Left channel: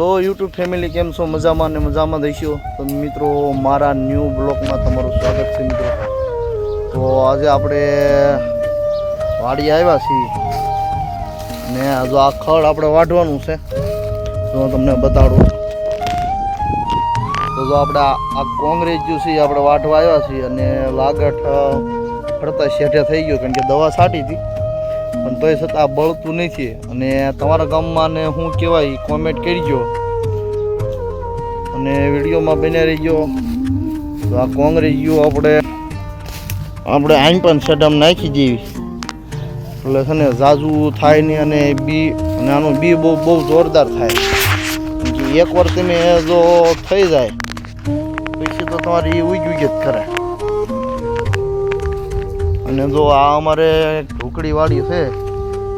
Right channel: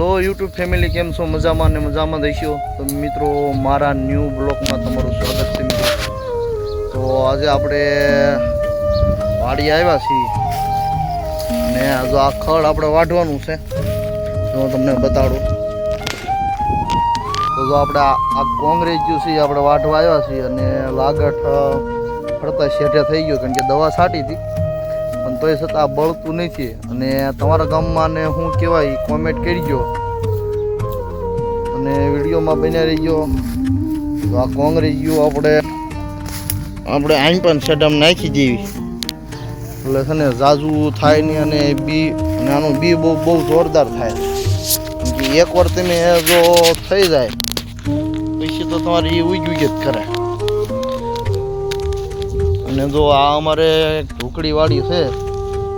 Hello YouTube family, કેમ છો? મજામાં ને મજામાં દઈશો. તો મિત્રો, મારા ન્યૂ બ્લોગમાં તમારું સ્વાગત છે મિત્રો. તો આજે આપણે વાડી આવ્યા છીએ ને જો આ ખડ આપણે વાઢવાનું છે, તો હું તમને બતાડું. તો જો આપણે આ કોંગ્રેસ જ્યુસ આપણે વાઢવા આવ્યા છીએ અને લાગઠ ફરતા શેઠે થઈ ગયો, કારણ કે દવા છાંટી હતી પણ તોય છતાં બળતું નથી. અને તમારા ગામમાં ને શું કહેવાય કોમેન્ટ કરજો અને વિડીયોમાં બન્યા રહીજો. તો આ કોંગ્રેસ જ્યુ આપણે આઈન પણ સડામ નાખી દેવી એટલે છે ને ઝાઝુ થાય નહીં અને આનું બી બહુ જોરદાર થાય. કે એકવાર તમે જો થઈ જાય પછી તો તમારી ઉગી જ કરે. અને જો આ અમારે ઢોકળી વાડી છે,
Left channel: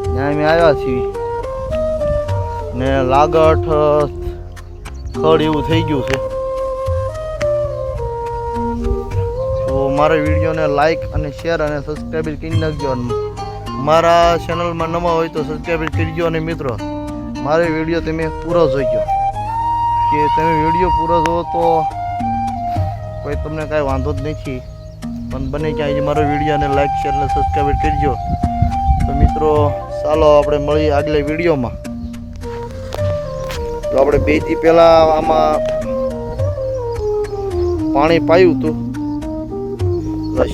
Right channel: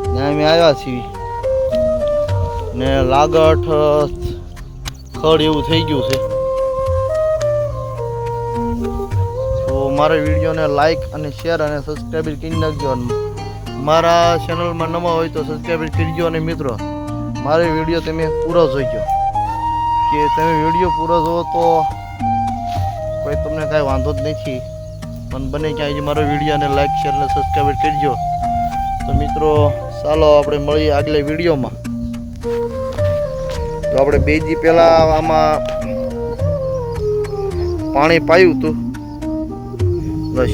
ત્યાં અમે આવ્યા છીએ ને લાગઠ ખડ એવું થઈ ગયું છે. તો મારા વિડીયોને લાઈક અને શેર અને સબસ્ક્રાઈબ કરી નાખજો. મારા ચેનલમાં નવા હોય તો સબસ્ક્રાઈબ કરજો. અને મિત્રો, મારો વિડીયો તમે પૂરો જોઈજો, કે તમે વિડીયો પૂરો જોવો તો કોઈ તમને કાંઈ વાંધો જ નથી, પણ બને ક્યાંય મારો વિડીયોને લાઈક શેર અને સબસ્ક્રાઈબ કરજો. તો મિત્રો, ચાલો આપણે મળીએ આગલા વિડીયોમાં. તો આપણે 2 દી પહેલાં આમાં પાણી પાયું હતું,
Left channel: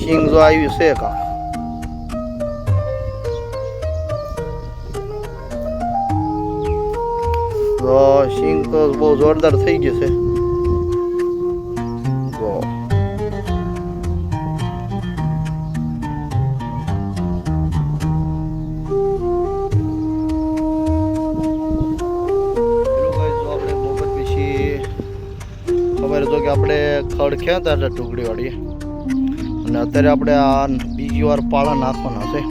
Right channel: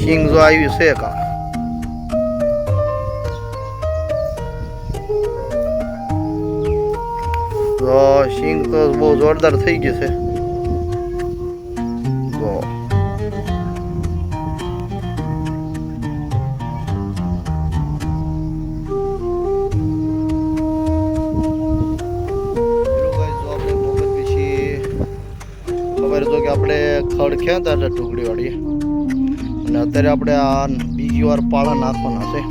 સિંગ જો આવી છે કાં તો સિંગ તો બહુ જોરદાર થઈ ગઈ છે. જો ખબર તો કે આપણે ખડ ખેંચતા હતા ટુકડી વાળી, અને અત્યારે આપણે આ બીજી વાર પાળા નાખવાના છે,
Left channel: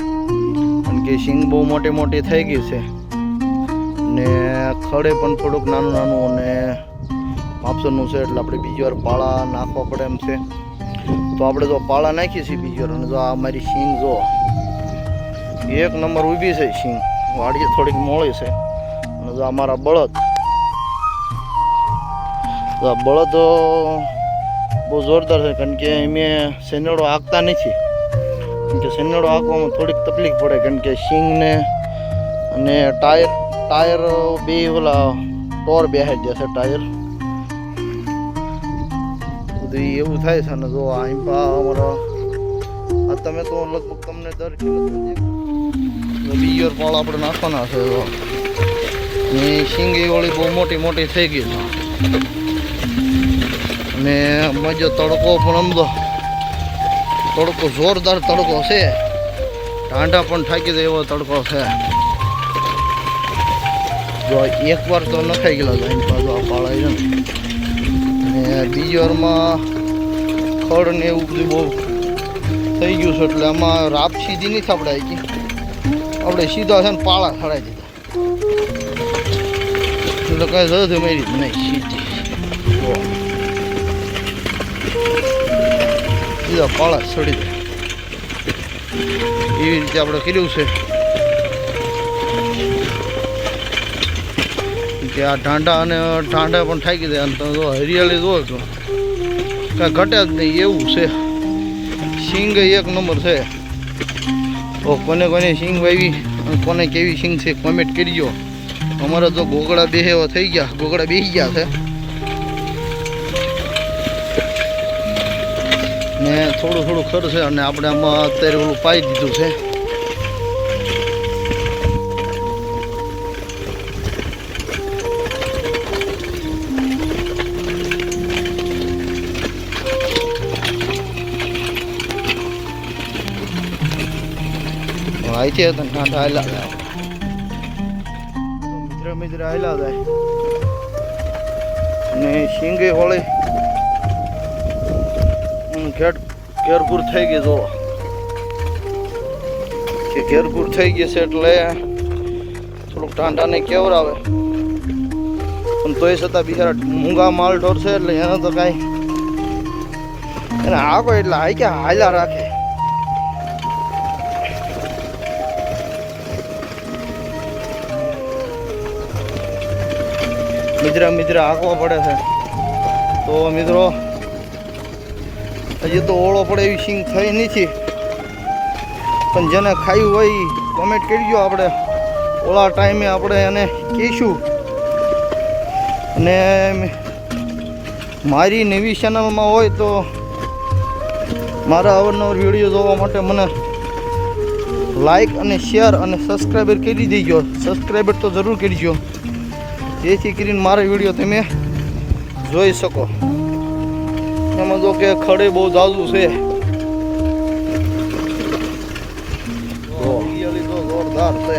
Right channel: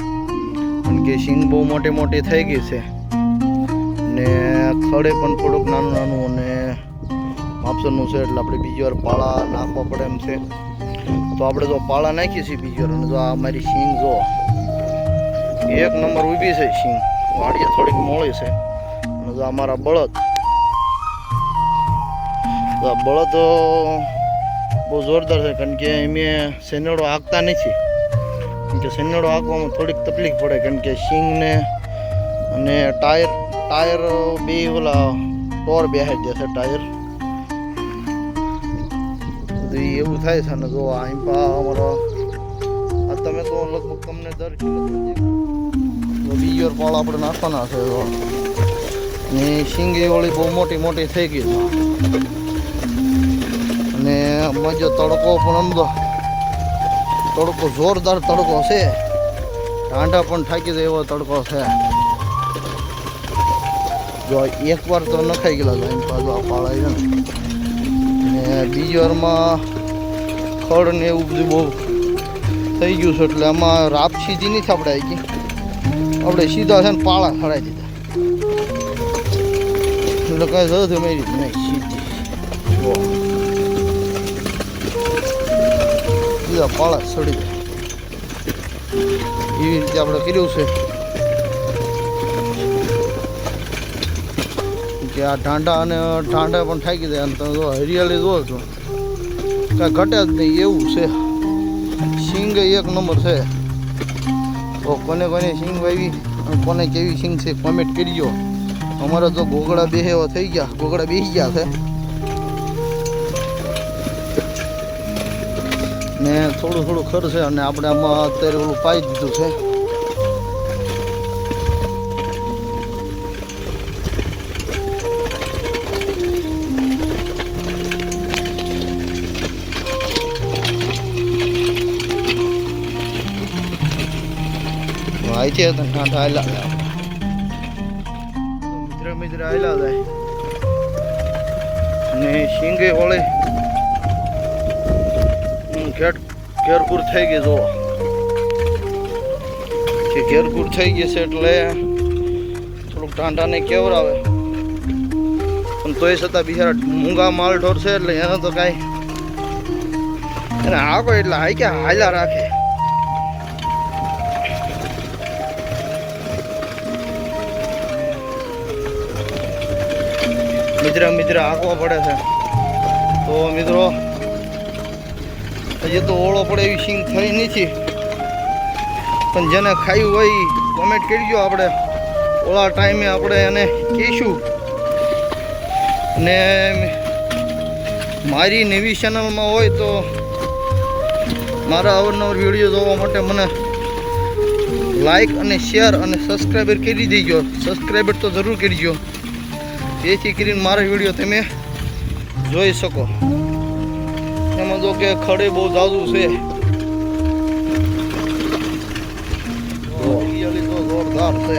કારણ કે સિંગ બહુ મોટી મોટી થઈ ગઈ છે ને ખડે પણ થોડુંક નાનું નાનું અને માપસરનું છે, એટલે આપણે બીજી વાર પાળા નાખવા પડે એમ છે. તો આપણે જો પાળા નાખીએ છીએ બીજી વાર, અને જો આ મારી સિંગ જો 1 નંબર ઊભી છે સિંગ, વાડીએ થોડીક મોળી છે. અને જો અમારા બળદ બહુ જોરદાર છે, કારણ કે અમે શેનેડો હાંકતા નથી, કારણ કે શેનેડો હાંકવામાં થોડીક તકલીફ પડે, કારણ કે સિંગને અને ટાયર બે ઓલા ટોર બેહાઈ જશે ટાયર, બધું એવું થાય છે. અને જો આઈપા અમારો આ તમે તો લગભગ તમને દર બીજી વાર પાળ આપણે નાખવાના છે. ને સિંગ એ ઓળી બહુ મોટી મોટી થઈ ગઈ છે, અને મજો તડકો પણ આમ તડકો જોરદાર તડકો છે, ટાંડા પણ થાકી દે એવો તડકો છે. જો એકવાર તો નખાઈ ગયેલા જાય પાછું આ પાળાય છે ને બીજી વારમાં ખડ ને એવું બધું બહુ થઈ ગયું છે, એટલે આમાં રાપ સીધી નહીં થાપડાય કે આપણે સીધા છે ને પાળા ખડાઈ દીધા, એટલે કાંઈ જરૂર મારી નહીં સીધી સીધા પાળા સડી જાય એવી રીતે આપણે કર્યું છે. કે આ ઢાંડા પણ થાકી જાય, અને તમે જો હરિયાળી જુઓ તો કાંઈ ઘટે જ નહીં એવું છે. સિંગ 1 નંબર છે. તો કોને સિંગ વાવી અને કોને કેવી સિંગ છે કોમેન્ટ કરજો. અમારા તો ગોગડા બેહવા થઈ ગયા, ગોગડા બેસી ગયા છે ને થોડું ખર્ચે, અને આપણે આમાં અત્યારે ઓલું પાઈ દીધું છે. અહીંથી હતા ઠાઠા હાલા જાય, મિત્ર હાલા જાય ને સિંગે વળે ઘેરપૂર થઈ ગઈ. જો કે ઘેરપૂર થઈ ગઈ છે એટલે થોડુંક ટાંડાને કેવરાવે, પણ તોય છતાં બિચારા મૂંગા માલ ઢોર છે, એટલે એને તો કાંઈ એને હાકો એટલે હાલ્યા રાખે. મિજરા હાંકવા પડે છે. તો મિત્રો હજી તો ઓળો પડે એવી સિંગ થઈ નથી, પણ જેને ખાયું હોય કોમેન્ટ કરજો. આપણે ઓળા ટાઈમે આપણે એને કહીશું. અને મારી નવી ચેનલમાં હોય તો મારા અવારનવાર વિડીયો જોવા માટે મને લાઈક અને શેર અને સબસ્ક્રાઈબર કરી દેજો. સબસ્ક્રાઈબર તો જરૂર કરજો, જેથી કરીને મારા વિડીયો તમે જોઈ શકો. એમાં જો કે ખડે બહુ જાજુ છે, જોરદાર છે.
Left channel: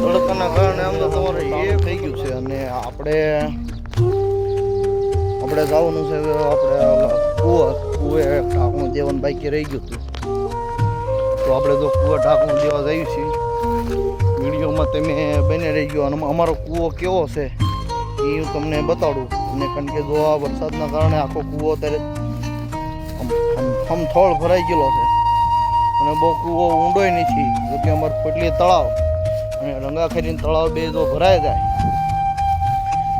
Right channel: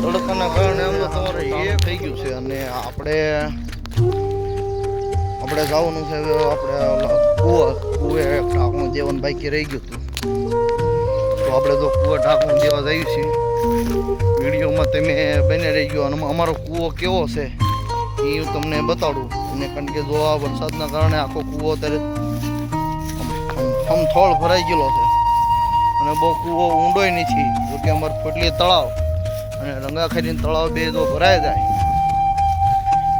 તડકાના કારણે આમ તો તમારે એ થઈ ગયું છે. અને આપણે જવાનું છે આપણે કુવે ઢાંકણું દેવાનું બાકી રહી ગયું હતું. તો આપણે તો કુવે ઢાંકણું દેવા જઈએ છીએ. વિડીયોમાં તમે બને રહી ગયો. અને અમારો કૂવો કેવો છે એ હું તમને બતાડું. અને કારણ કે જો આ વરસાદના કારણે આખો કૂવો અત્યારે થોડ ભરાઈ ગયેલો છે. અને બહુ કૂવો ઊંડોય નથી. જોકે અમારે ફોટલી તળાવ અને રંગાખેરી તળાવ બે જો ભરાઈ જાય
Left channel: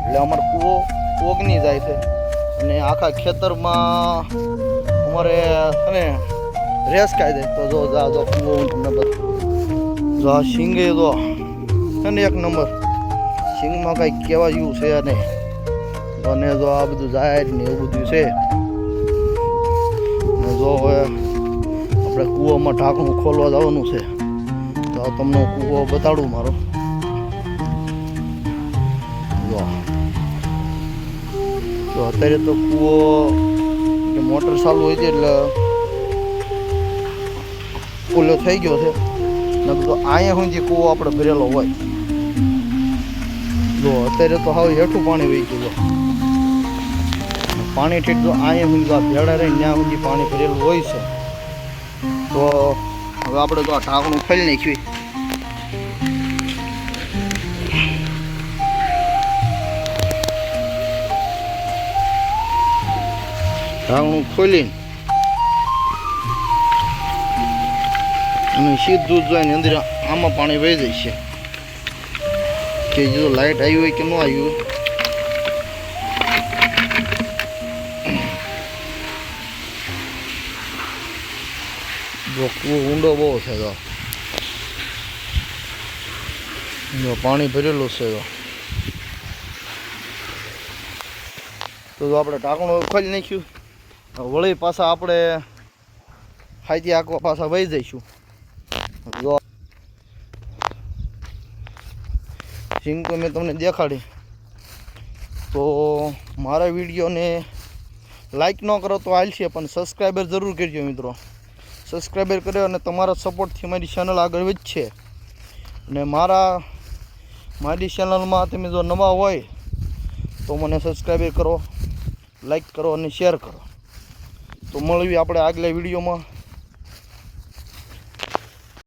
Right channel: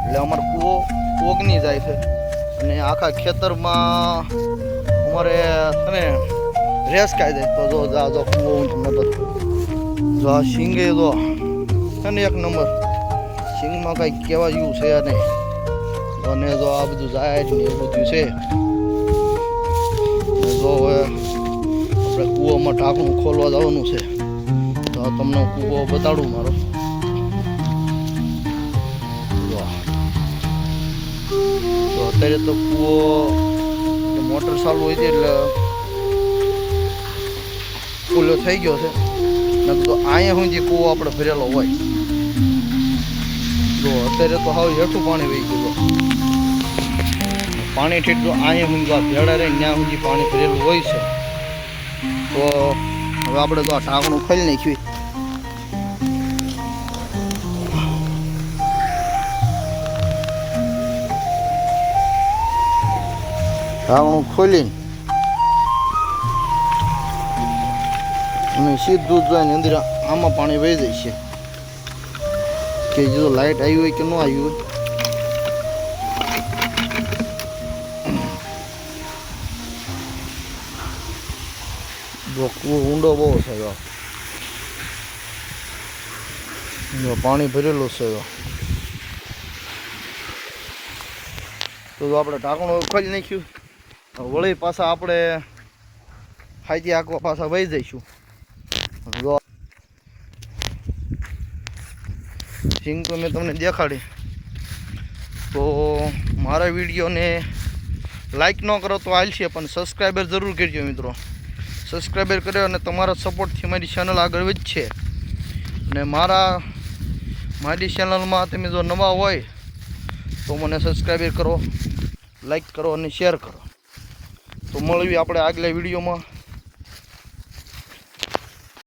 એટલે અમારો કૂવો ઓગની જાય છે. અને આખા ખેતરમાં અમારે છે ને રેસ ખાઈ જાય. તો જો કૂવો હું તમને બતાવું. જો આ સિંગે જો છે ને એક નંબર. સિંગમાં કંઈક કહેવા જેવું છે નહીં. અને જો આ બધું જાય ને એવું બધું છે. જો હવે આપણે કૂવામાં ઢાંકણું ખોલવા જવાનું છે. તો તમને હું કૂવો બતાડું મારો. તો અત્યારે તો કૂવો મોટર ચાલુ હોય છે એટલે ફૂલો થઈ ગયો છે. નકર તો અહીંયા હું જે કૂવો આપણે ભરેલો હોય. જો અત્યારે તો હાવ હેઠું પાણી વહી ગયું. પાણી ઠેઠ જો અહીંયા હું ભેડા રહી ત્યાં સુધી પાણી ભરેલું હોય છે. તો હવે આપણે તો આ ઢાંકણું ખોલી નાખ્યું. ઢાંકણું ખોલીને અને સીધું જોઈને અંદર આમાં પાણી વહી જાય છે. કે જો લાઇટ આવી હોય કે ન આવી હોય. જો કૂવો ઊંડો બહુ છે. જો પાણી ભરેલું છે. તો આપણે ઢાંકણું ખોલી નાખ્યું. વળી પાછા આપણે હાઈથી આંકવા પાછા વહી જઈશું. જો સિંગ તો મેં તમને દેખાડી. તો મારા વિડીયોને લાઈક ન કરો તો હાલશે, પણ સબસ્ક્રાઈબર જરૂર કરજો મિત્રો. સબસ્ક્રાઈબર કર્યો અને તમારા સપોર્ટથી મારી ચેનલ આગળ વધશે. અને મારી ચેનલમાં તમે જો નવા હોય તો મને સબસ્ક્રાઈબર કરો, લાઈક કરો અને શેર કરો. તો મળીએ આપણે આગલા વિડીયોમાં.